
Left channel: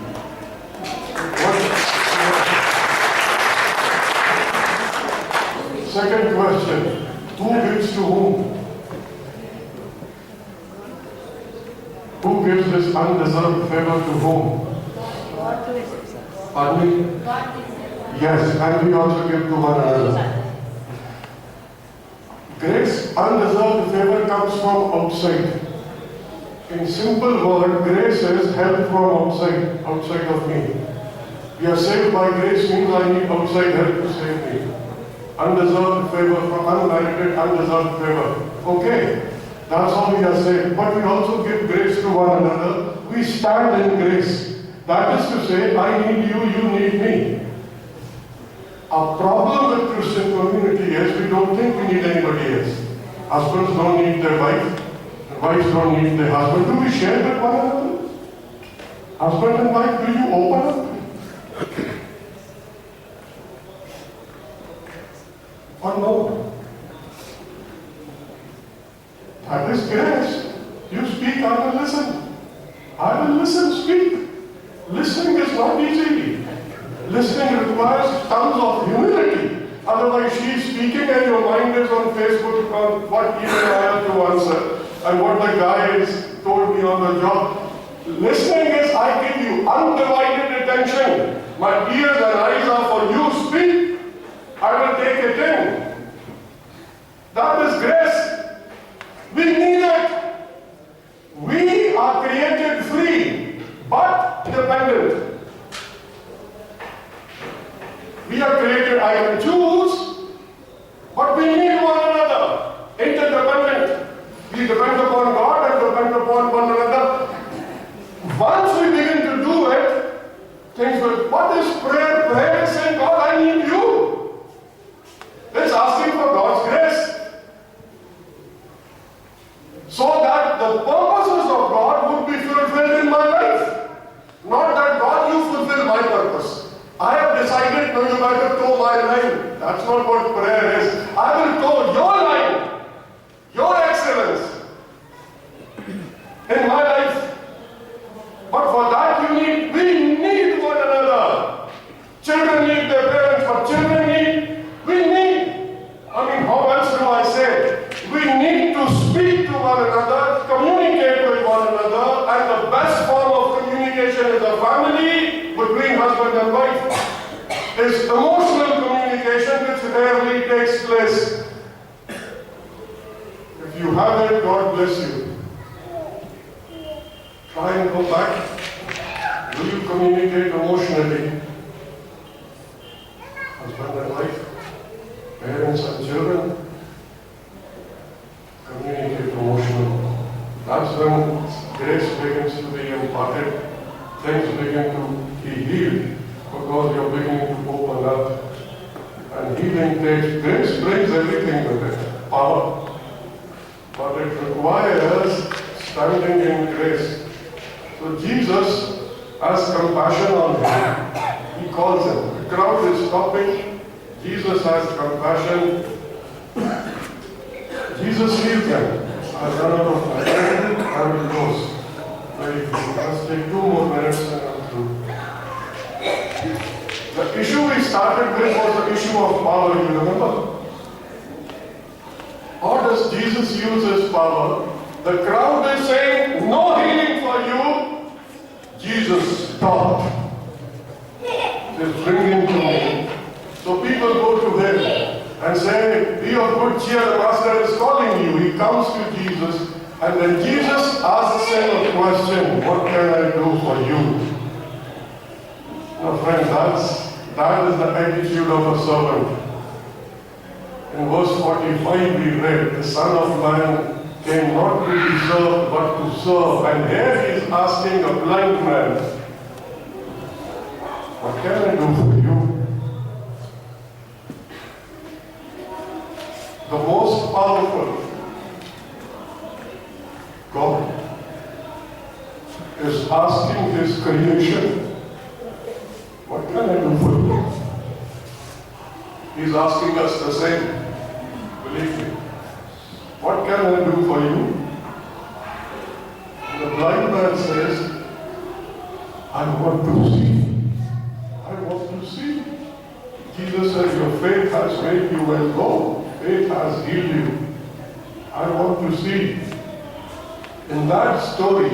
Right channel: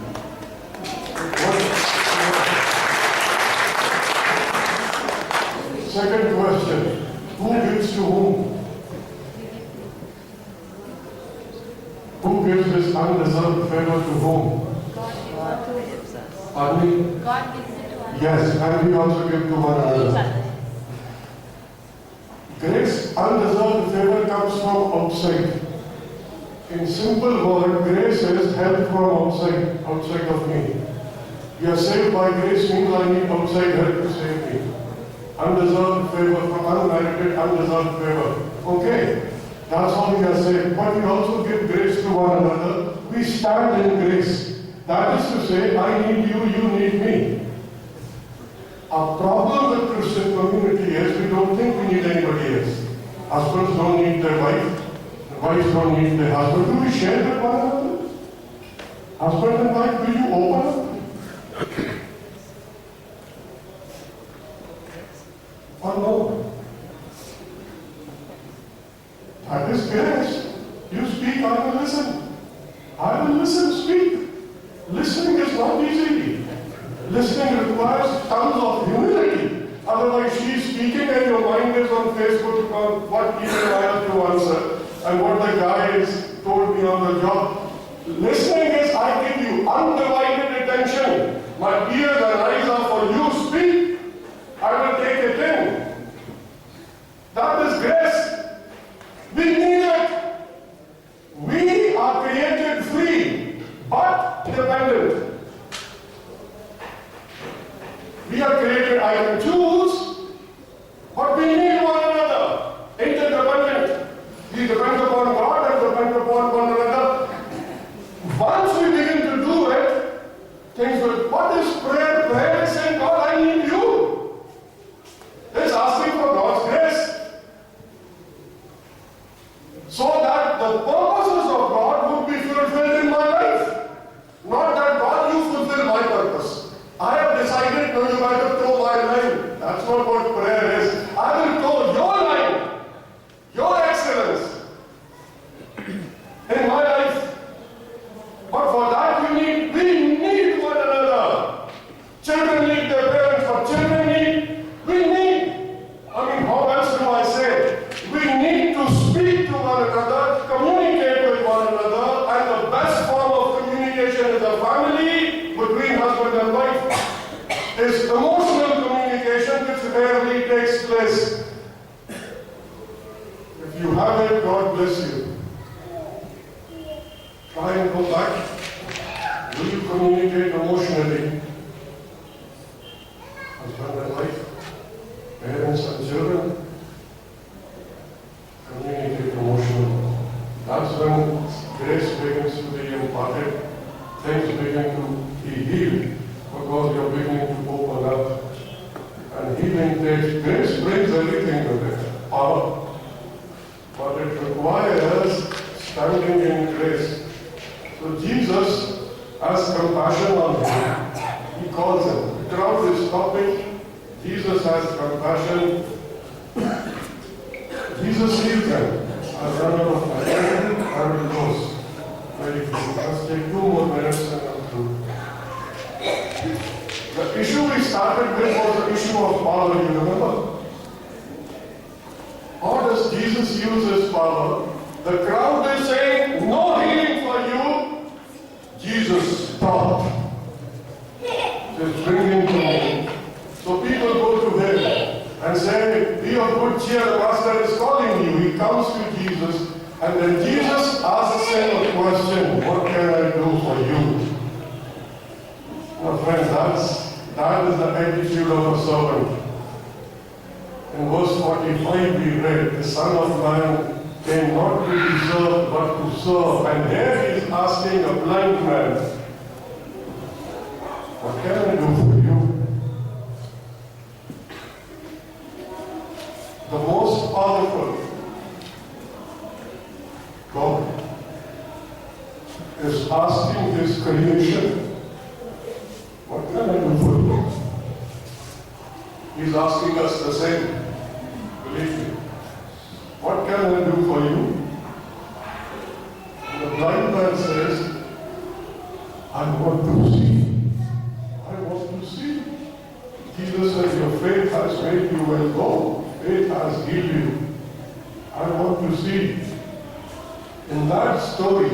Second question. Who gives to whom? Who gives this undeserved favor to whom? God gives us. Pardon me? God gives us. Yes, and we also give to one another. Grace, undeserved favor comes from outside. In simple word, grace is help from outside of me. We are saved by grace means I need outside help to save me. Undeserved favor, from unmerited, undeserved favor. Okay, that's how we are saved. But we also give grace to one another. We stand in grace. That is to say, I need you, you need me. Our problem with Christian community is we don't think we need anybody else. Husbands don't need their wife. Wives don't need their husband. Do we share with one another? Husband and wife, do you open up? Or no? That is grace. You speak, I will listen. I will listen, speak. Listening is not easy. Listening requires tons of humility. Otherwise, she is speaking and your mind is on Facebook on what email I have to answer and what the guy has told me on the job. Listening is I give you undivided attention. My ears and eyes are for you. Speak. I will take it in. That is grace. We need it. We are created free, but dependent. We are created, I can choose, but we need one another. Interdependent. We depend upon God and depend upon one another. Once we begin to do it, things will, what is prayer? Prayer is saying, God, I need you. It's asking for God's grace. So that the purposes of God would be fulfilled in my life. Not that God, you fulfill my purpose. I have decided, no, you better toe my line. That's not what prayer is. I will toe your line, your excellence in my life. But for that we need one another. Children need their parents, but children need, we need. I mean, how else do I say? We need to speak to one another, communicate with one another, and the best form of communication is a family between husband and wife. Is emotional communication which rarely takes place. If you have it, God bless you. Try and go back. Will you communicate emotionally? Husband and wife, parents and children, communicate emotionally. That's when grace begins to be imparted. Things begin to be healed. Because you're beginning to open up. And healing takes, grace brings everything with it. Power. But requires standing in grace. So Jesus has compassion on him. He calls him. The crowd is stopping. Jesus has compassion. Jesus heals them. I've run out of time. I will close. Very quickly. Let's take 2 more minutes and I'm through. The issue we started with was the issue of power, you remember? How does Jesus use his power? The crowd is saying, no healing for you. Jesus, stop. Just bring him to me. So people go to him and say, be of good cheer, the Master is calling you. He comes to Jesus, and then Jesus asks him a question, what can I do for you? Now friends, that is the attitude of a servant. In verse 45 we read, the Son of Man came not to be served, but to serve. And here he is asking a blind man, what can I do for you? The most powerful God is asking his creation, what can I do for you? He's asking us the same. Believe me. What can I do for you? The blind man says, I want to see. I want to see. Jesus said, your faith has made you well. Go. Faith has healed you. I want to see. In that story,